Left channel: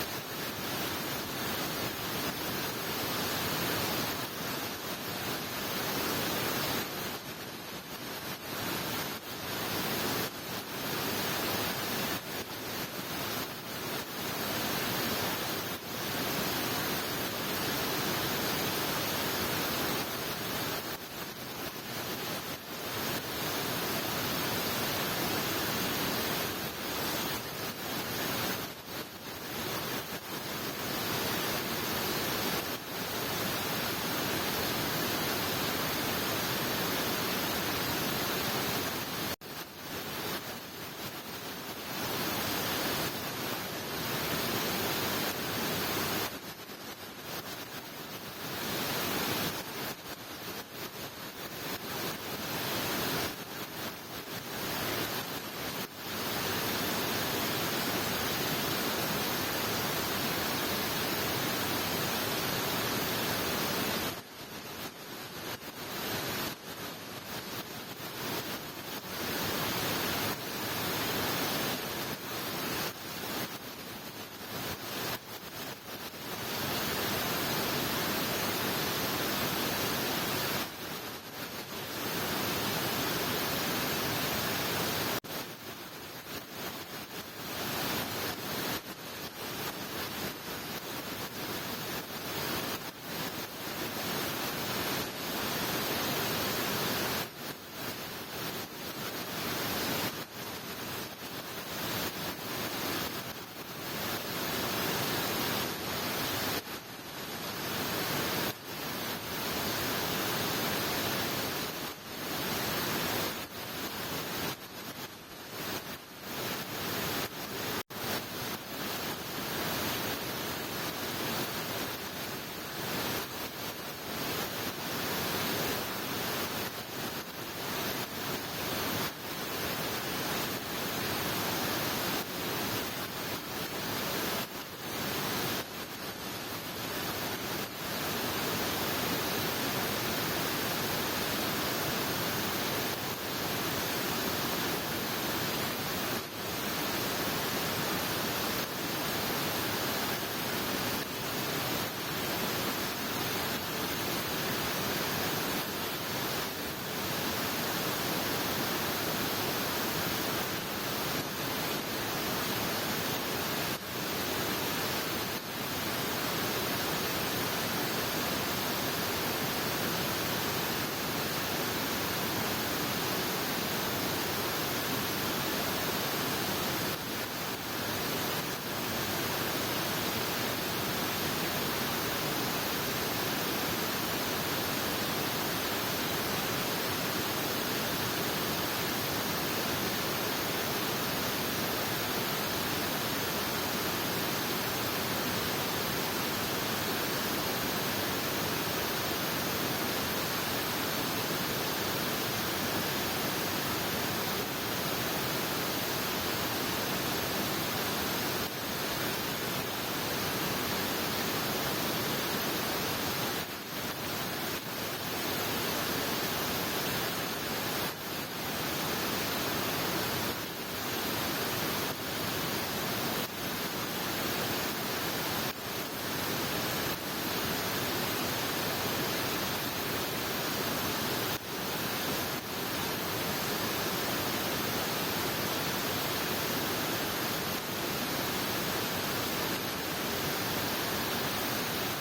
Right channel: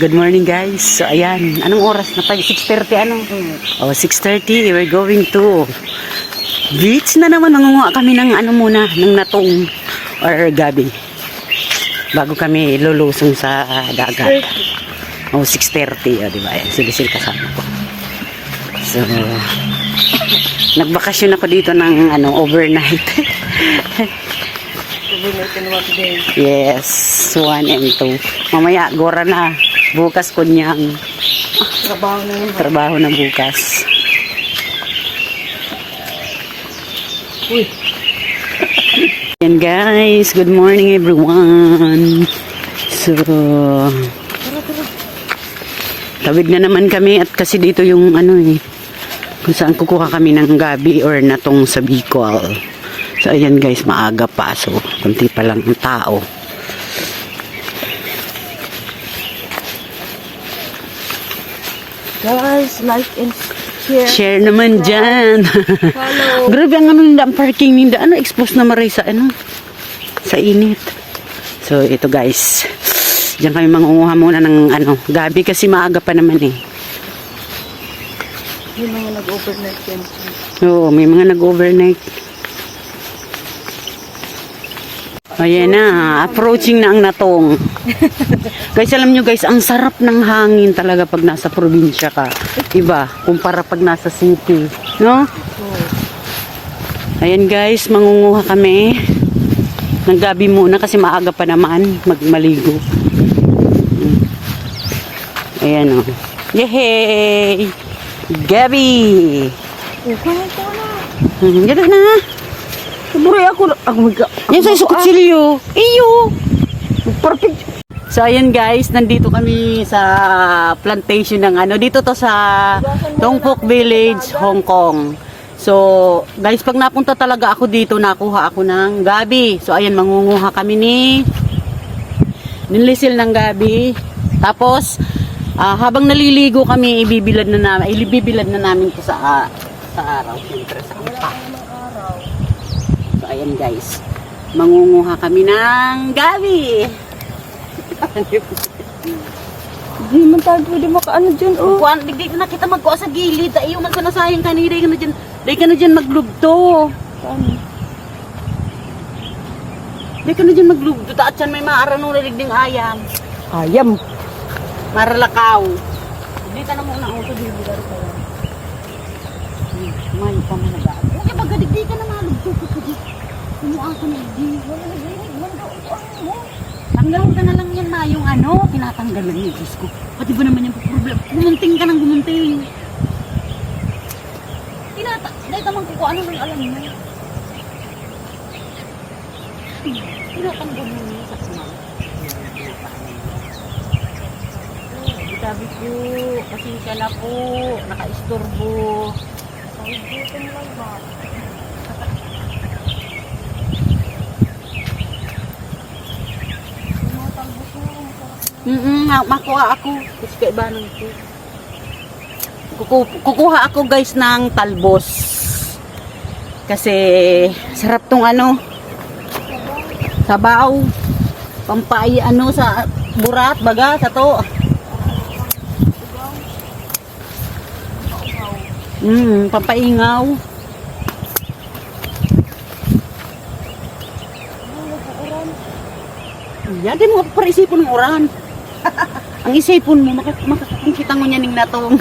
Good morning guys. So ayan, anong oras na tayo? 6:30 ano? Oh, 6:30. We're going to beach na naman. Nangunguha kami ng ano muna, ng natong or gabi. Bago kami lulusong sa dagat. Oh, 6:30. Oh, di ba? Ayan, silisil kasama ko. So, nagbakasyon ako dito ng ano, overnight. Overnight and one day. Yes, 1 and 2. Mamaya, gora na. Bukas kunyang trabaho na bukas. Uy. Yan guys, good morning everyone. So, tawid na naman kami at kasi dito yung ano kung saan kukuha kami ng gabi or natong sa Bicol. So ayan guys, maaga pa. So, kunti pa lang ang tao. Guys, like and share. Share naman dyan. Follow. Grabe ang ano nila, ang parking nila. Ano, expose na maray sa ano? Sa init. So, ito guys. Diyan kami mangunguha muna ng ano, gabi kasi maaga pa naman eh. Yung mga nag-overnight yan. Oo, may mga nag-overnight. Ayan na, approaching na ang natong. Guys, alam nyo guys, ang sarap ng hangin talaga pag nasa probinsya ka. Iba, kumpara pag nasa city. No? Ayan guys, mangunguha kami ng gabi muna kasi maaga pa naman magmaligo. Ayan o. Yehey! Gabi! Okay, ito na. Gano'n na. Saburi ako. Yan sa kutsilyo. Iyo! Perfect. So ayan guys, nandito kami sa plantation ng ano. Dito to sa Dong Phuoc Village, Hong Kong. So guys, pag napunta talaga ako dito, nakuha ako ng gabi. So ayan, mangunguha kami nilisil ng gabi. Tapos habang naliligo kami, ibibilad na namin ito sa araw. Siyempre sa kampa. So ayan guys, mangunguha kami ng gabi. Hindi man tayo pwede makaano dyan. Oh. Kuan, di ko na kita magkuha sa gilid. Ayaw man sa nasayang kanina. Di ka na dyan maglugto. Di ka na dyan maglugto. Taat yan may maaranong laligding ayam. Ayam. Maralakaw. Di ka na muna ako sa gilid. May pamanaga. Okay, magadig di ka na malugto. Sino ako na tanggalin ka na lang yan na yung ano, tinatanggal na yung Diyos ko. Pati ba naman yung problem? Gumunting ka ng gumunting. Dahil ka magkukuha, ano mo yung alam niya? Tinatanggal mo yung kasama. Sabi po, kasi ka na po, naka-istorbo. Dito na lang ba? Makuha ako. Kukuha ako guys ng talbos. Kasi sarap tong ano. Sabaw. Pampay ano sa burat baga sa to. Pampaingaw. Yan din mo parisipon ng oran. Ang isipon mo, makakita mo niya ning natong.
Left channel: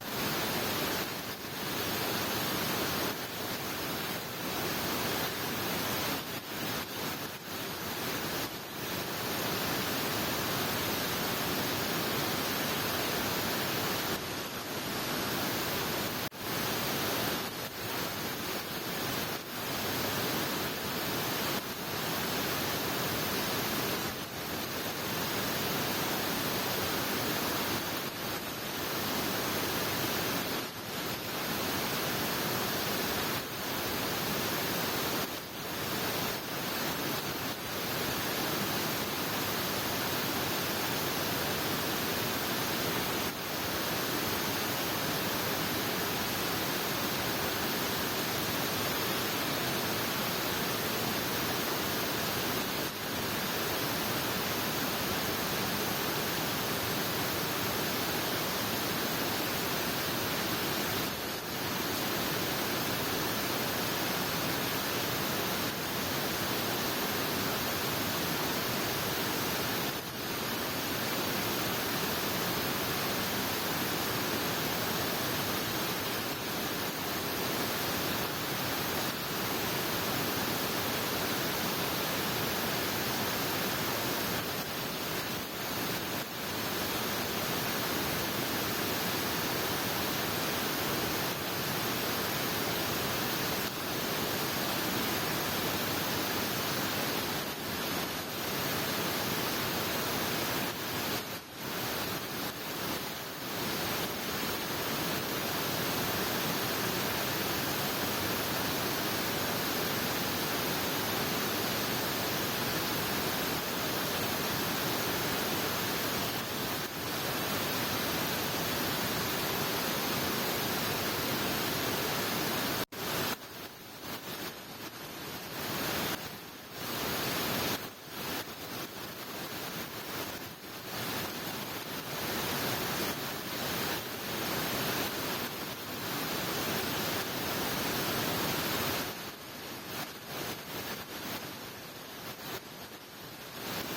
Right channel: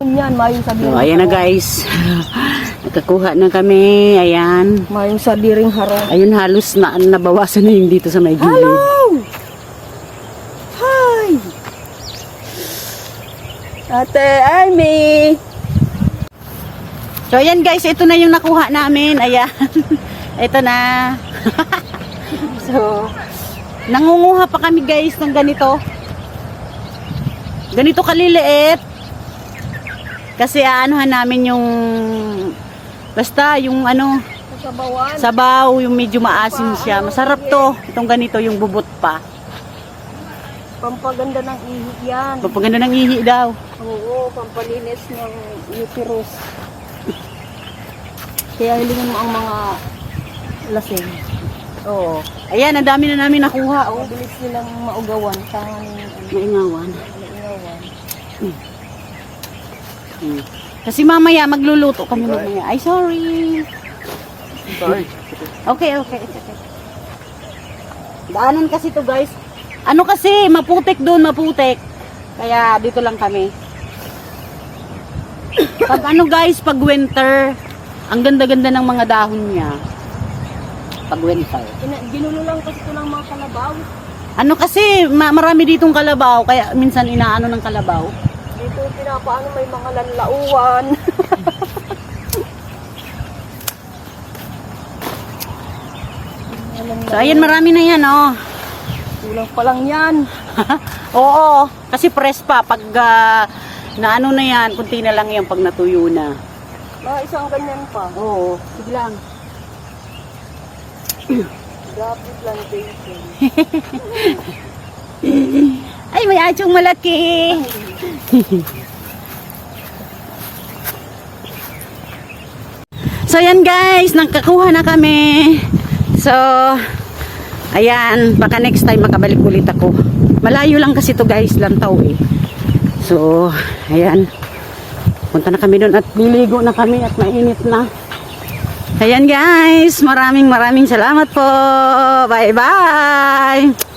Yan, mayong sabi. So, ayan na guys. Nakakuha na kami. Ayan. Mayong sabi ring harong. Ayun, halos na nabawasan na yung dito sa may gilid. Hello! Hi! Ate Amy! So ayan guys, ito na yung nakuha namin. Ayan. Ito na. So, nangunguha pa kami guys ng ganito. Ganito kaliliit. Kasi aanuhan namin yung basta yung ano, Sabawan. sabaw, yung medyo maasim siya. Masarap to. Itong ganito, yung bubot pa. Pampaganda ng ihip yan. Papaganda ng ihi daw. Oo, pampalinis ng uterus. Kaya hilingin mo ang mga lasing. Oo. Ayan, ang dami na namin nakuha. Oh, Mabilis silang maugawan sa naingawan. ingawan. Kasi mamaya magluluto kami mamaya. Ay, sorry. Sorry. Okay. Daanan kasi to guys. Ano kasi, maputik doon, maputik. Kaya dito lang kami. Pag ano guys, pag winter, ang ganda-ganda ng mga dahon niya. Pag winter. Ginulo lang kasi ito ng mga kalabaw. Ano kasi, marami ditong kalabaw, kaya minsan inaano ng kalabaw. Dito pinapaano may mga lanlauan. So ayan, marami na yan oh. Kulang pa lang yan. Oo, kasi press pa. Pag na ano na yan, kunti na lang yan pag natuyo na. Isang ganyan pa. Oo, sige lang. Grabe plantation. Ay, may atsong malaki. So, yan guys, nagkakuha na kami. So, ayan, baka next time makabalik ulit ako. Malayo lang kasi to guys, Lantaw eh. So, ayan. Punta na kami doon at liligo na kami at mainit na. Ayan guys, maraming salamat po. Bye-bye.